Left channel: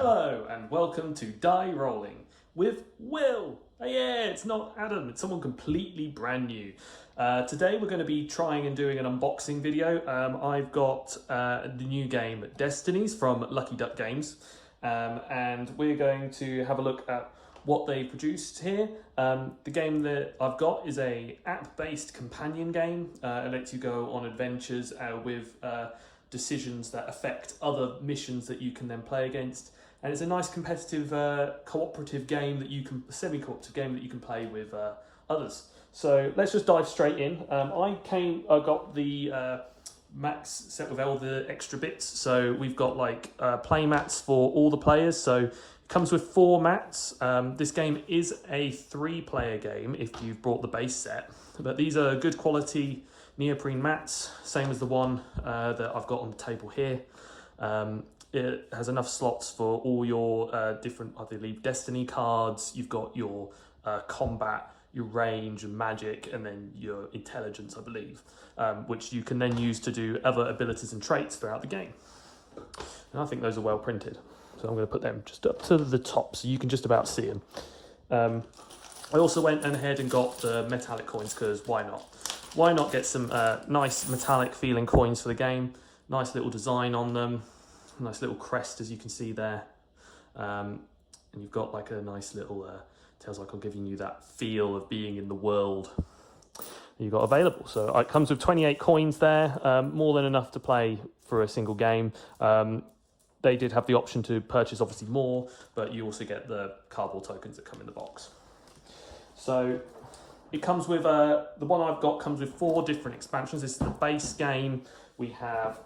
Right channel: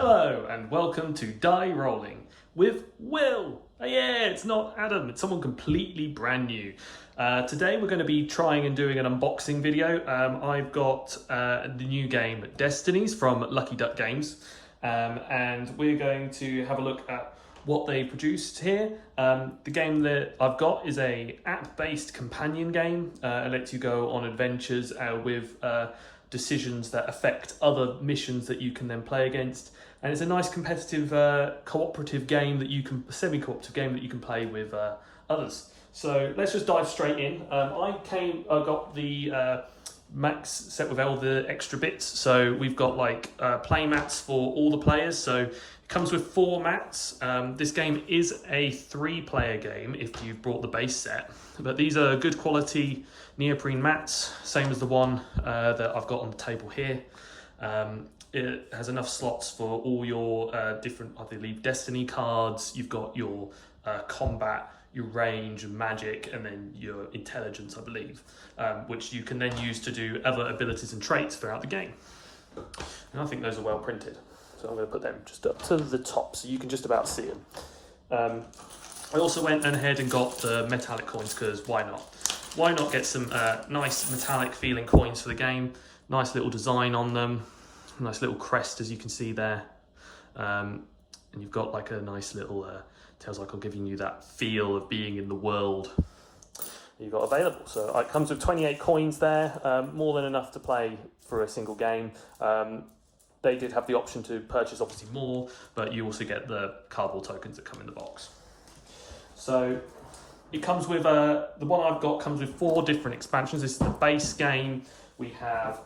Hello and welcome to Die Rollin with Will. Oh yeah, it's not Adam, it's someone completely brand new. Today we're going to be trying and doing an unboxing video. I've got the new game Destinies from Lucky Duck Games, and we're going to have a look at what they produced here. The game that I've got is a app-based companion game. It lets you go on adventures with decisions that affect other missions that you can then play against, and it's a nice competitive cooperative game that you can semi-cooperative game that you can play with others. So let's just dive straight in. I got the max set with all the extra bits, so we've got like play mats for all the players, so it comes with 4 mats. This game is a 3-player game if you've brought the base set, but these are good quality neoprene mats, same as the one that I've got on the table here. It has enough slots for all your different, I believe, destiny cards. You've got your combat, your range, and magic, and then your intelligence, I believe, which you can then use to do other abilities and traits throughout the game. And I think those are well printed. So I'm going to put them just up to the top so you can just about see them. I also went ahead and got the metallic coins because why not? Why not get some nice metallic feeling coins for the game? Nice little design on them. Nice little crest, as you can see there. And you've got like a nice little, tells like I'm giving you that feel of being in the world you've got available. So it comes with 28 coins there, more than enough to play for a single game. They did have the option to purchase obviously more, but you also get the cardboard tokens that come in the box. So it comes with, the one I've got comes with 4 different expansions. This is the base game. We have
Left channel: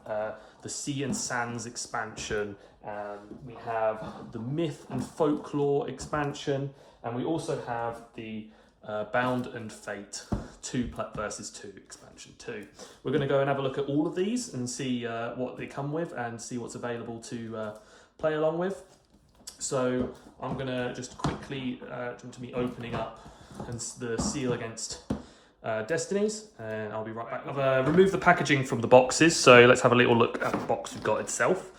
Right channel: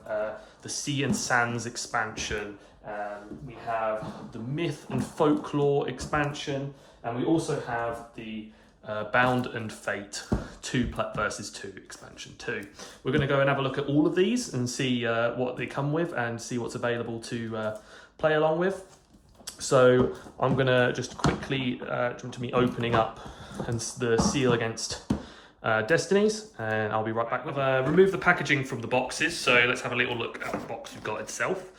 the Sea and Sands expansion, we have the Myth and Folklore expansion, and we also have the Bound and Fate 2 versus 2 expansion 2. We're going to go and have a look at all of these and see what they come with and see what's available to play along with. So I'm going to just quickly jump to me opening up and the seal against Destinies, and I'll be right back. I've removed the packaging from the boxes, so let's have a little look at the box we've got itself.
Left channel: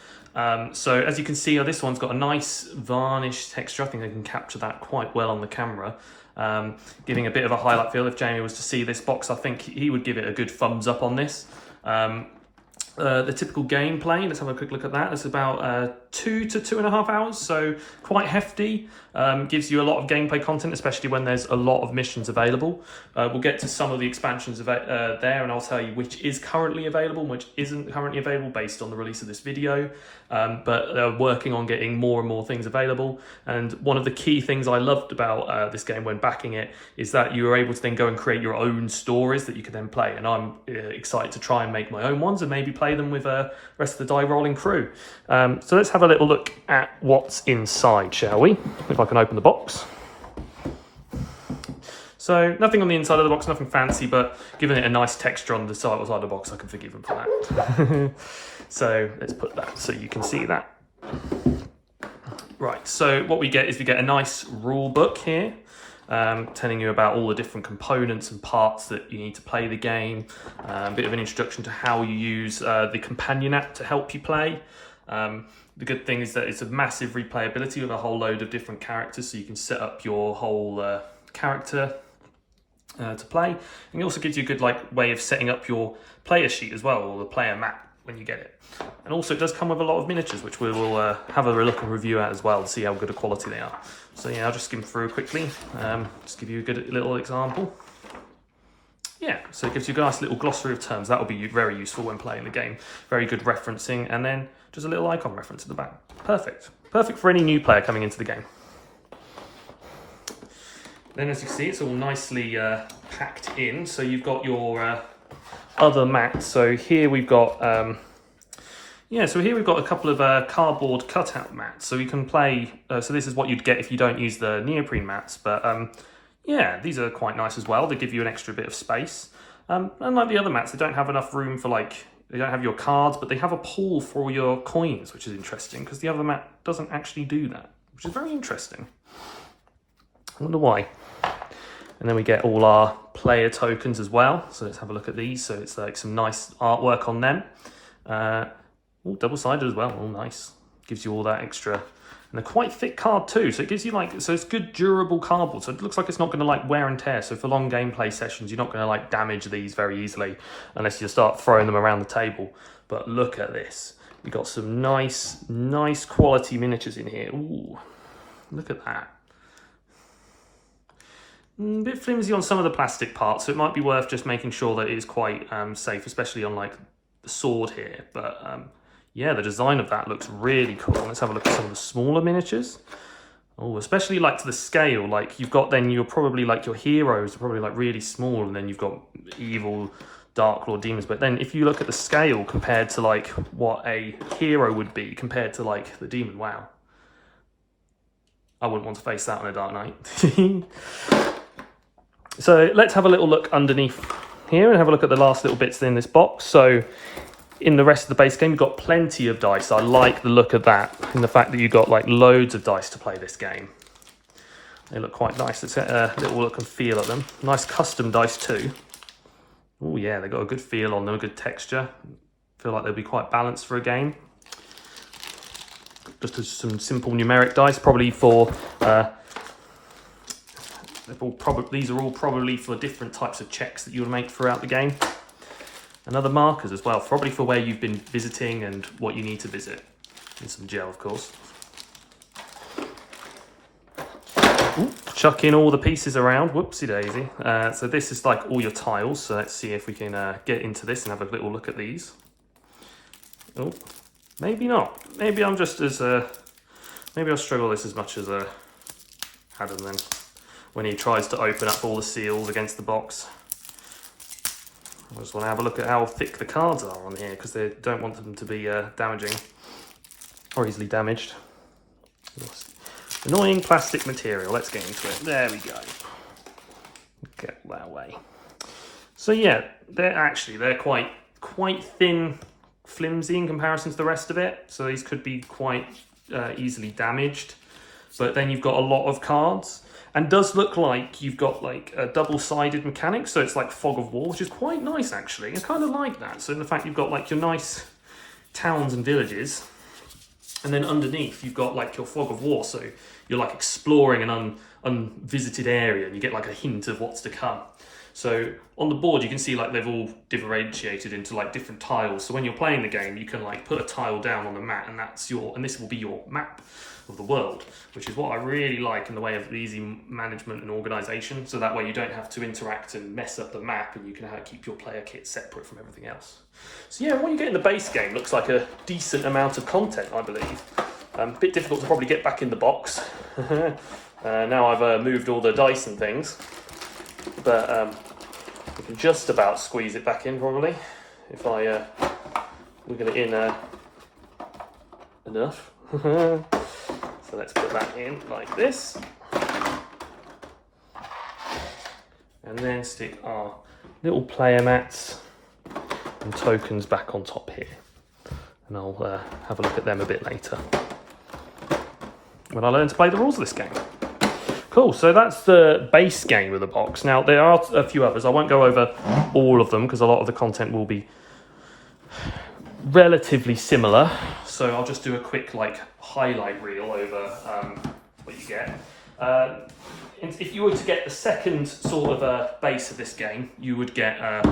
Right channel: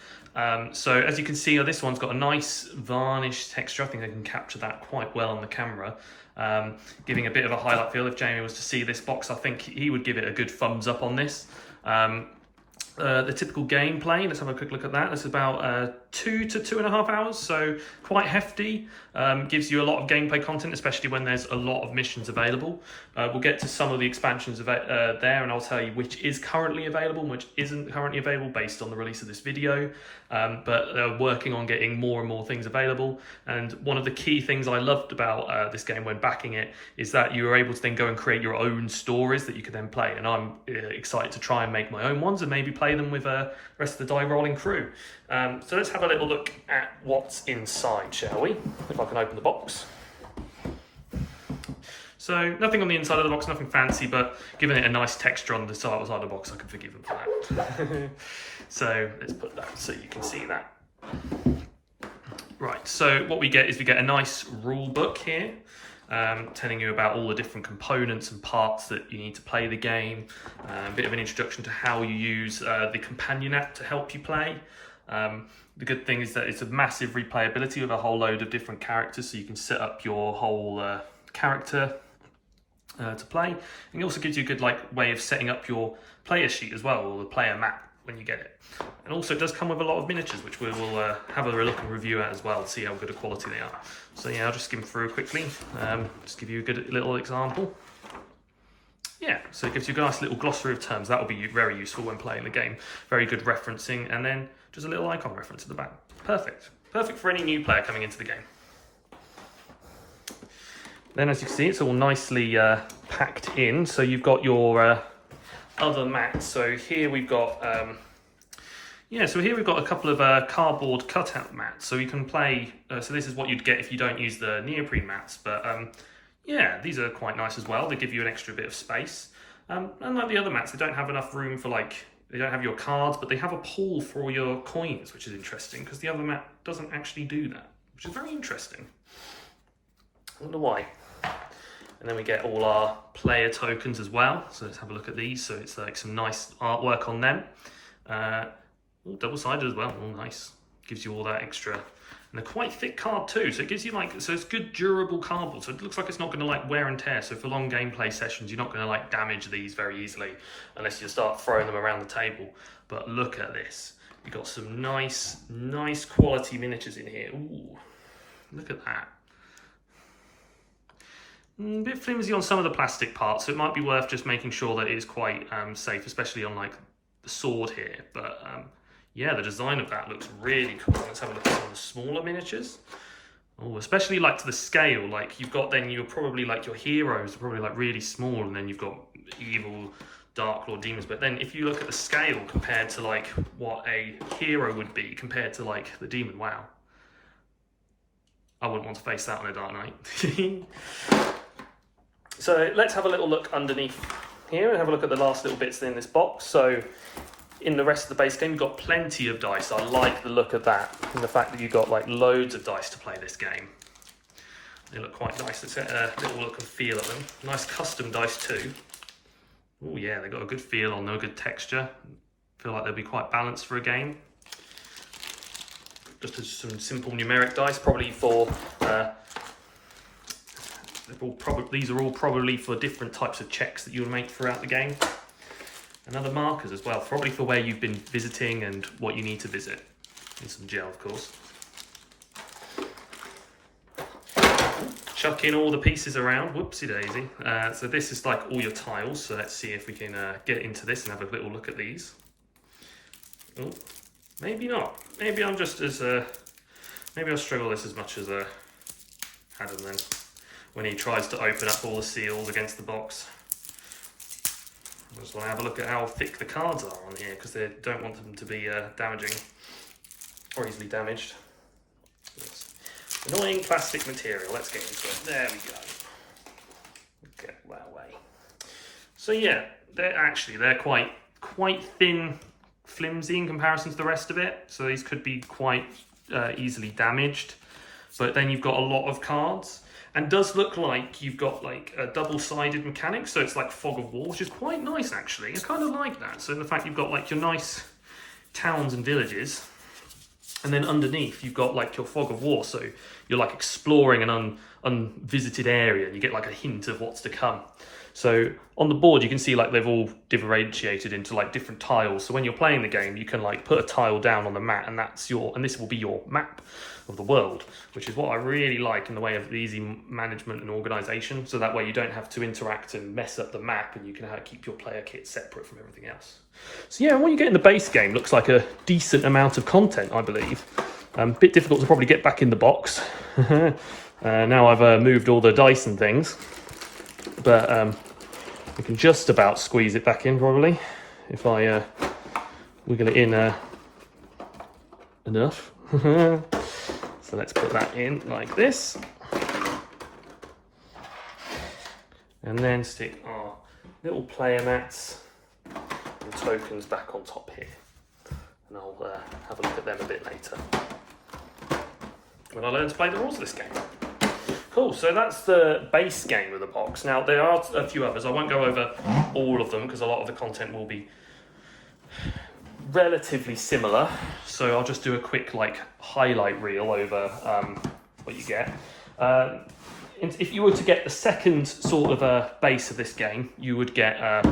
So as you can see, this one's got a nice varnish texture. I think I can capture that quite well on the camera, giving a bit of a highlight feel. If Jamie was to see this box, I think he would give it a good thumbs up on this. The typical gameplay, let's have a quick look at that. It's about 2 to 2.5 hours, so quite hefty. Gives you a lot of gameplay content, especially when there's a lot of missions available. We'll get to some of the expansions there, and I'll tell you which is currently available and which isn't currently available based on the release of this video. But they're working on getting more and more things available. And one of the key things I loved about this game when backing it is that you were able to then go and create your own stories that you could then play. And I'm excited to try and make my own ones and maybe play them with the rest of the Die Rollin crew. So let's have a little look at what's inside, shall we? If I can open the box. So nothing on the inside of the box, nothing fancy, but giving it a nice texture on the side of the box, I can forgive them for that. So let's put that so you can see that. Right, so what we get is we get a nice rule book here, telling you about all the different components and parts that you need to play the game. A bit of an introduction to how you use the companion app to help you play. The good thing is that it's a massive replayability with a whole load of different characters, so you can set up your whole character to play. And it also gives you a good way of setting up your player sheet as well, or the player map when you get it. And also it does come with a lot of miniatures, which we will have a look and review at as well to see how good a quality they are. So yeah, I'll just skim through quickly, just give you a good little example. Yeah, so it gives you a nice little glossary of terms. That will be very useful when playing the game. Very good referencing, and then just a little icon reference at the back. Perfect. Perfect for any new player coming into the game. Then as you can see, it's all nicely packed in. So you've got your other mats. So here we've got, we've got a couple of cardboard cutout mats. So you can play, so this is what you'd get if you don't use the neoprene mats. But yeah, these are quite nice as well. They give you an extra bit of space. Unlike the other mats, they don't have enough room for they don't have your cards, but they have a pool for your coins, which is interesting because the other mat doesn't actually do that, which is very interesting. I wonder why. And then we get all our player tokens as well. So let's have a look at these. So it's like some nice artwork on them. Double-sided as well. Oh, nice. Gives you all that extra And they're quite thick card too, so it gives you like, so it's good durable cardboard, so it looks like it's not going to like wear and tear. So for long gameplay sessions, you're not going to like damage these very easily unless you start throwing them around the table. But look at this, you've got some nice quality miniatures in here. Ooh, look at that. A bit flimsy on some of the plastic parts, so it might be worth just making sure that it is quite safe, especially on like the sword here. But yeah, the design of that looks really cool. Let's have a look at some of the smaller miniatures. Oh, especially like to the scale, like you've got then you're probably like your heroes are probably like really small, and then you've got evil Dark Lord demons. But then if you look at the scale compared to like what a hero would be compared to like the demon, wow. I wouldn't want to face that on a Dark Knight. So let's have a little look underneath here and have a look at the last little bits in this box. So in the rest of the base game, you've got plenty of dice. I like the look of that and the fact that you've got like loads of dice to play this game. They look quite nice. Let's get a little look and feel at them. Nice custom dice too. Oh yeah, they've got a good feel on them, a good texture. Feel like they'll be quite balanced for a game. Just some simple numeric dice, probably for these are all probably for different types of checks that you'll make throughout the game. And other markers as well, probably for where you've been visiting and what you need to visit. And some gel, of course. Ooh, chuck in all the pieces around, whoopsie daisy. So this is like all your tiles, so let's see if we can get into this and have a little look at these. Oh, maybe not. Maybe I'm just as, maybe I'll struggle this as much as Adam then, when he tries to open up all the seals against the box. I just want to have a look at how thick the cards are on here, because they don't want them to be damaging or easily damaged. Yes. Annoying plastic material. Let's get into it. There we go. Get that way. So yeah, they're quite thin, flimsy in comparison to the rest of it. So these could be quite easily damaged. But then you've got a lot of cards. And does look like you've got like a double-sided mechanic, so it's like fog of war, which is quite nice actually. I kind of like that. So in the fact you've got like your nice towns and villages, and then underneath you've got like your fog of war, so you're like exploring an unvisited area, and you get like a hint of what's to come. So on the board you can see like they've all differentiated into like different tiles. So when you're playing the game, you can like put a tile down on the mat, and this will be your map of the world, which is what I really like in the way of easy management and organization. So that way you don't have to interact and mess up the map, and you can keep your player kit separate from everything else. So yeah, what you get in the base game looks like a decent amount of content, I believe. A bit difficult to probably get back in the box. Now I've moved all the dice and things, but we can just about squeeze it back in probably if I wiggle it in enough. So let's put that in like this, and then stick our little player mats and tokens back on top here, and I'll have a look at them a bit later when I learn to play the rules of this game. Cool, so that's the base game of the box. Now there are a few others. I won't go over all of them because a lot of the content will be relatively similar, so I'll just do a quick like highlight reel over what you get. If you were to get the second sort of base of this game, you would get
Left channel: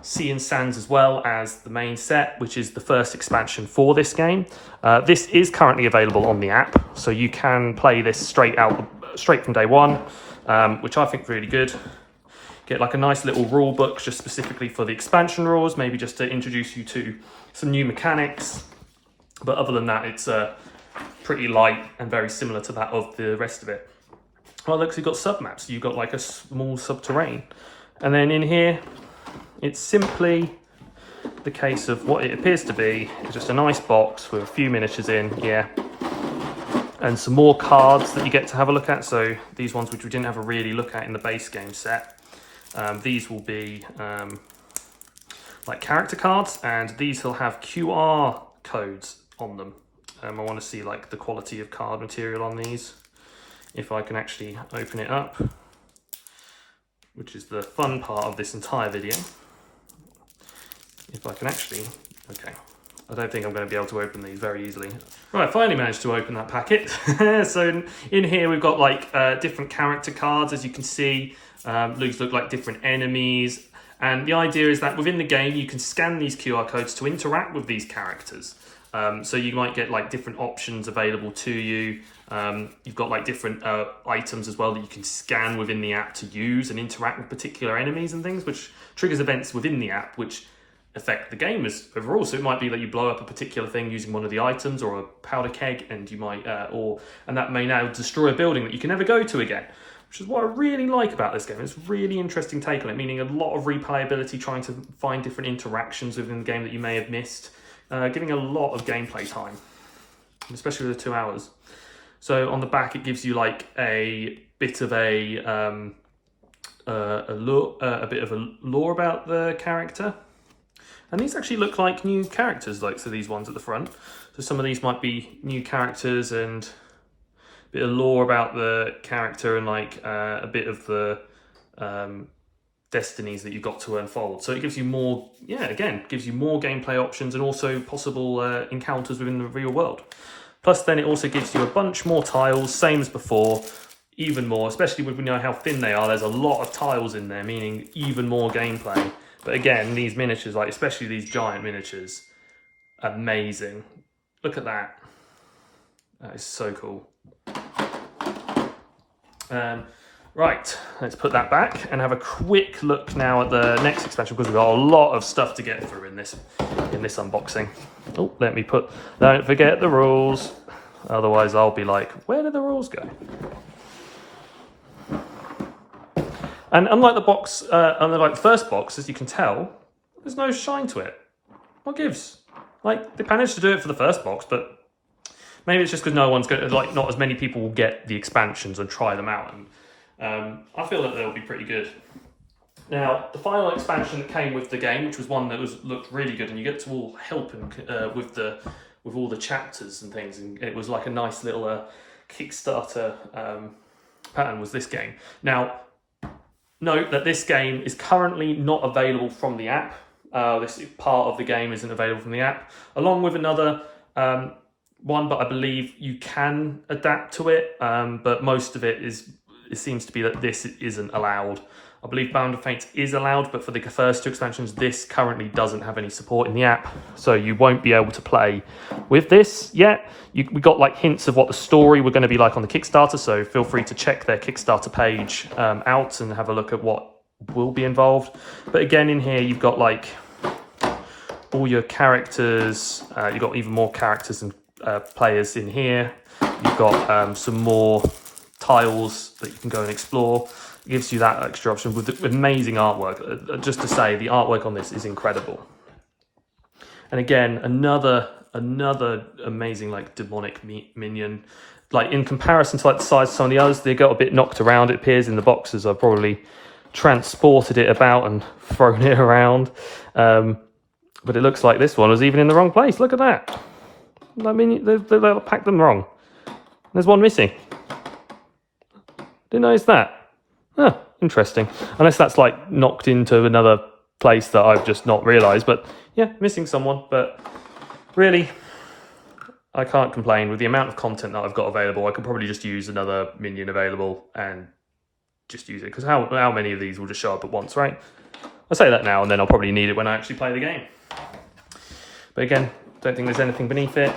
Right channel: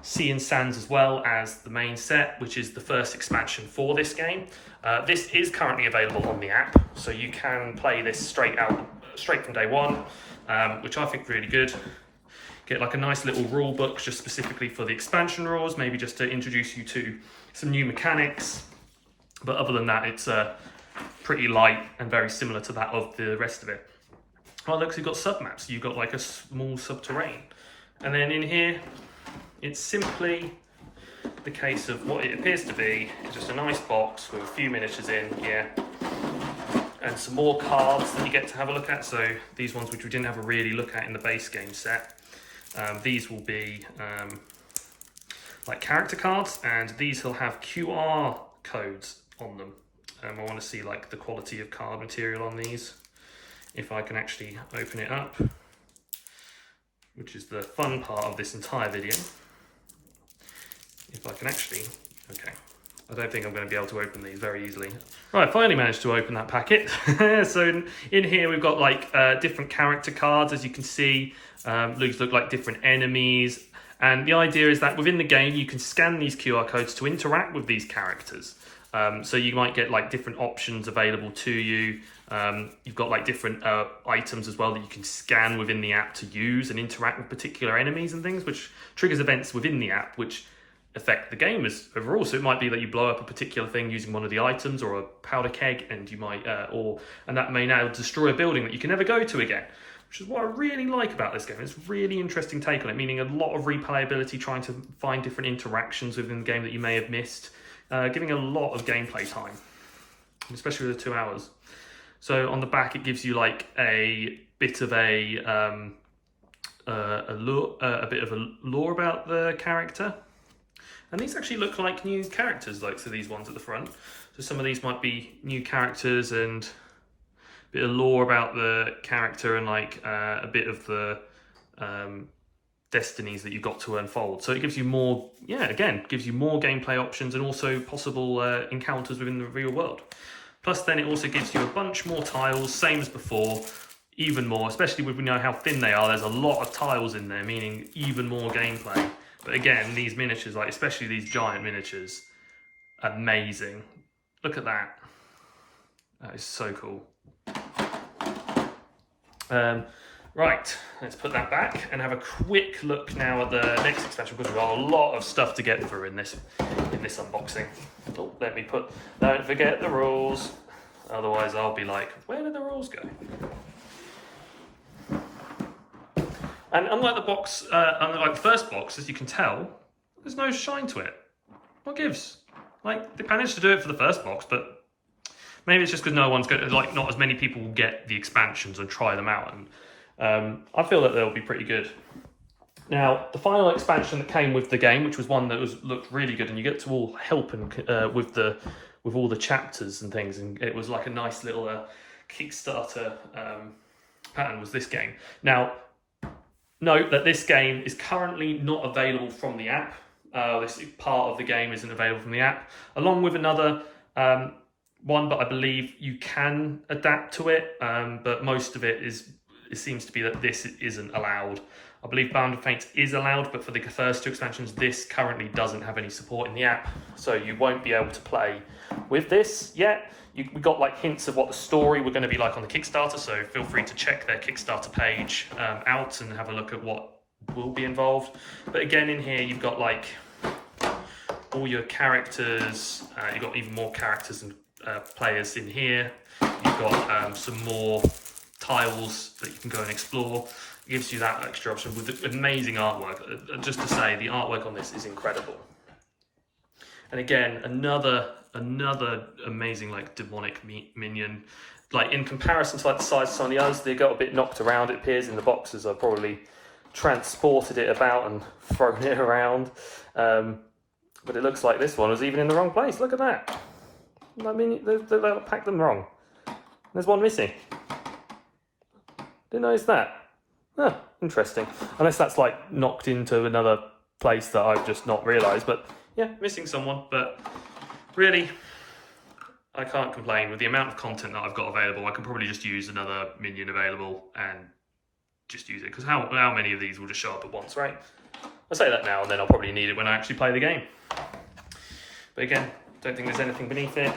Sea and Sands as well as the main set, which is the first expansion for this game. This is currently available on the app, so you can play this straight from day one, which I think is really good. Get like a nice little rule book just specifically for the expansion rules, maybe just to introduce you to some new mechanics. But other than that, it's pretty light and very similar to that of the rest of it. Oh look, so you've got sub-maps. You've got like a small subterranean. And then in here, it's simply the case of what it appears to be. It's just a nice box with a few miniatures in, yeah. And some more cards that you get to have a look at. So these ones which we didn't have a really look at in the base game set. These will be like character cards, and these will have QR codes on them. I want to see like the quality of card material on these. If I can actually open it up, which is the fun part of this entire video. If I can actually, okay, I don't think I'm going to be able to open these very easily. Right, finally managed to open that packet. So in here we've got like different character cards, as you can see. These look like different enemies. And the idea is that within the game you can scan these QR codes to interact with these characters. So you might get like different options available to you. You've got like different items as well that you can scan within the app to use and interact with particular enemies and things, which triggers events within the app, which affect the game as overall. So it might be that you blow up a particular thing using one of the items or a powder keg, and you might and that may now destroy a building that you can never go to again, which is what I really like about this game. It's a really interesting take on it, meaning a lot of replayability, trying to find different interactions within the game that you may have missed, giving a lot of gameplay time, especially with the 2 hours. So on the back it gives you like a bit of a bit of a lore about the character. And these actually look like new characters, like so these ones at the front. So some of these might be new characters and a bit of lore about the character and like a bit of the destinies that you've got to unfold. So it gives you more, gives you more gameplay options and also possible encounters within the real world. Plus then it also gives you a bunch more tiles, same as before, even more, especially when we know how thin they are. There's a lot of tiles in there, meaning even more gameplay. But again, these miniatures, like especially these giant miniatures, amazing. Look at that. That is so cool. Right, let's put that back and have a quick look now at the next expansion, because we've got a lot of stuff to get through in this unboxing. Oh, don't forget the rules. Otherwise I'll be like, where did the rules go? And unlike the box, unlike the first box, as you can tell, there's no shine to it. What gives? Like, they managed to do it for the first box, but maybe it's just because no one's going to, like, not as many people will get the expansions and try them out. And I feel that they'll be pretty good. Now, the final expansion that came with the game, which was one that looked really good, and you get to all help and with all the chapters and things, and it was like a nice little Kickstarter pattern, was this game. Now, note that this game is currently not available from the app. This part of the game isn't available from the app, along with another one, but I believe you can adapt to it, but most of it seems to be that this isn't allowed. I believe Bound of Fate is allowed, but for the first 2 expansions, this currently doesn't have any support in the app, so you won't be able to play with this yet. We got like hints of what the story were going to be like on the Kickstarter, so feel free to check their Kickstarter page out and have a look at what will be involved. But again, in here you've got like all your characters. You've got even more characters and players in here. You've got some more tiles that you can go and explore. It gives you that extra option with amazing artwork. Just to say, the artwork on this is incredible. And again, another amazing like demonic minion. Like in comparison to like the size of some of the others, they got a bit knocked around. It appears in the boxes. I've probably transported it about and thrown it around. But it looks like this one was even in the wrong place. Look at that. I mean, they packed them wrong. There's one missing. Didn't notice that. Huh, interesting. Unless that's like knocked into another place that I've just not realised. But yeah, missing someone. But really, I can't complain. With the amount of content that I've got available, I could probably just use another minion available and just use it. Because how many of these will just show up at once, right? I'll say that now, and then I'll probably need it when I actually play the game. But again, don't think there's anything beneath it.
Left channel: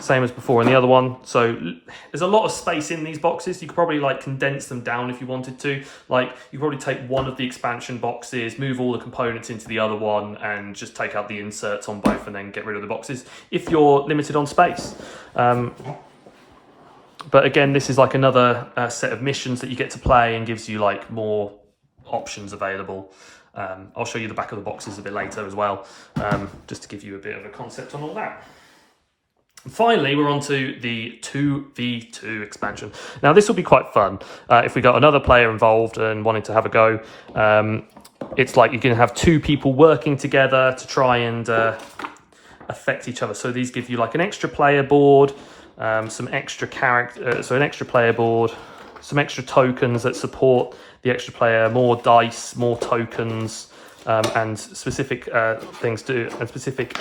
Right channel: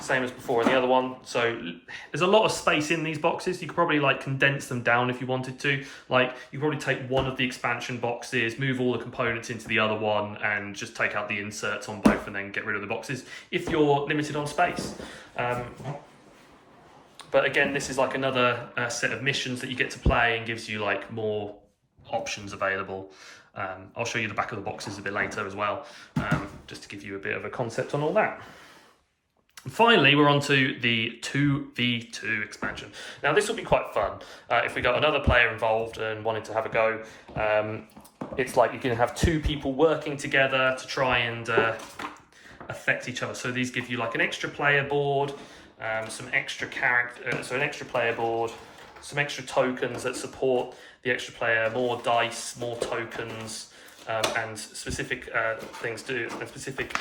Same as before in the other one. So there's a lot of space in these boxes. You could probably like condense them down if you wanted to. Like you could probably take one of the expansion boxes, move all the components into the other one, and just take out the inserts on both and then get rid of the boxes if you're limited on space. But again, this is like another set of missions that you get to play and gives you like more options available. I'll show you the back of the boxes a bit later as well, just to give you a bit of a concept on all that. Finally, we're on to the 2v2 expansion. Now, this will be quite fun. If we got another player involved and wanting to have a go, it's like you can have 2 people working together to try and affect each other. So these give you like an extra player board, some extra an extra player board, some extra tokens that support the extra player, more dice, more tokens, and specific things to and specific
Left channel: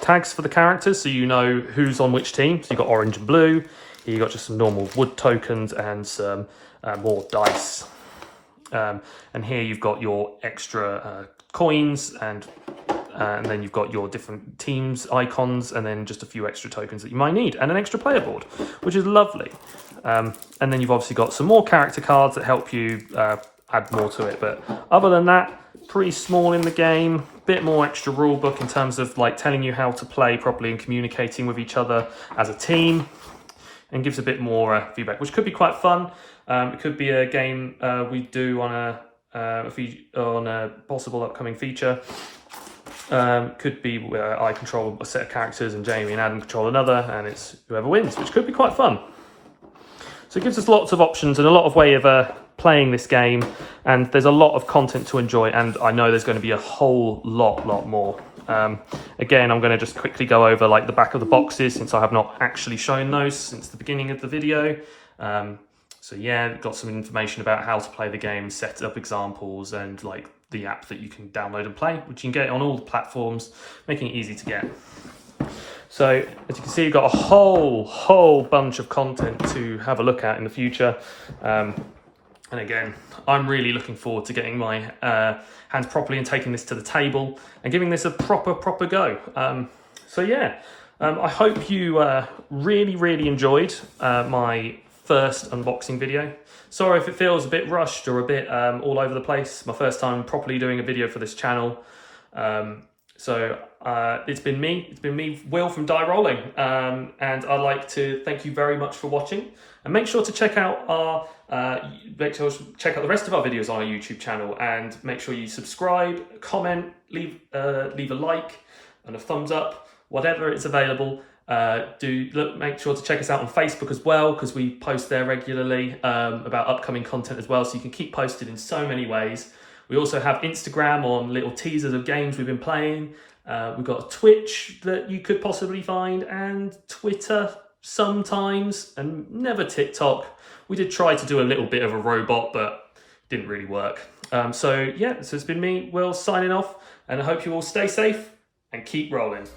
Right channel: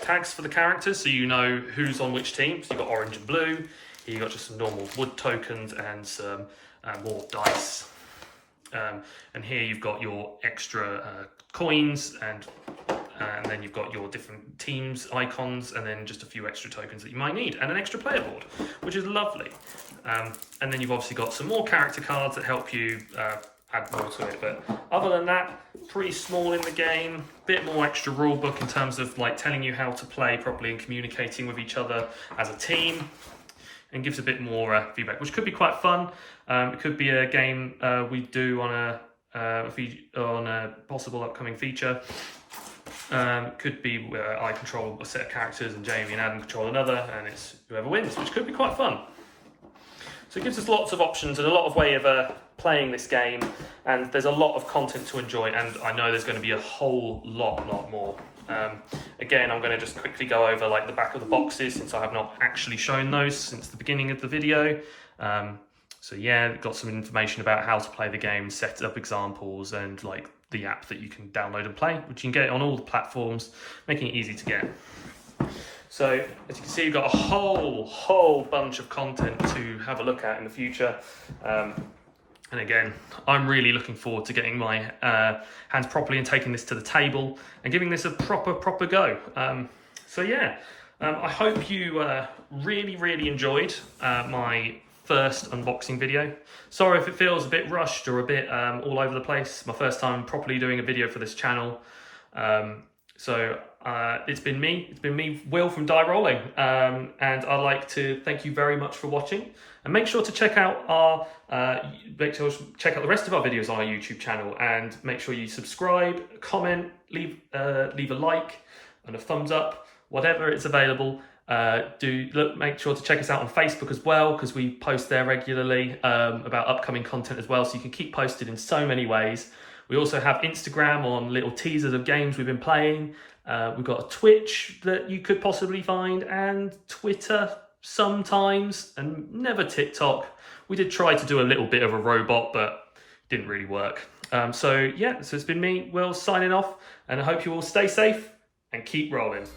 tags for the characters, so you know who's on which team. So you've got orange and blue. Here you've got just some normal wood tokens and some more dice. And here you've got your extra coins, and then you've got your different teams icons, and then just a few extra tokens that you might need, and an extra player board, which is lovely. And then you've obviously got some more character cards that help you add more to it. But other than that, pretty small in the game. Bit more extra rule book in terms of like telling you how to play properly and communicating with each other as a team, and gives a bit more feedback, which could be quite fun. It could be a game we do on a possible upcoming feature. Could be where I control a set of characters and Jamie and Adam control another, and it's whoever wins, which could be quite fun. So it gives us lots of options and a lot of way of playing this game, and there's a lot of content to enjoy, and I know there's going to be a whole lot more. Again, I'm going to just quickly go over like the back of the boxes, since I have not actually shown those since the beginning of the video. So yeah, got some information about how to play the game, set up examples, and like the app that you can download and play, which you can get on all the platforms, making it easy to get. So as you can see, you've got a whole bunch of content to have a look at in the future. And again, I'm really looking forward to getting my hands properly and taking this to the table and giving this a proper go. So yeah, I hope you really enjoyed my first unboxing video. Sorry if it feels a bit rushed or a bit all over the place. My first time properly doing a video for this channel. It's been me, Will from Die Rollin, and I'd like to thank you very much for watching. And make sure to check out check out the rest of our videos on our YouTube channel, and make sure you subscribe, comment, leave a like and a thumbs up, whatever is available. Make sure to check us out on Facebook as well, because we post there regularly about upcoming content as well, so you can keep posted in so many ways. We also have Instagram on little teasers of games we've been playing. We've got a Twitch that you could possibly find, and Twitter sometimes, and never TikTok. We did try to do a little bit of a robot, but didn't really work. So it's been me, Will, signing off, and I hope you all stay safe and keep rolling.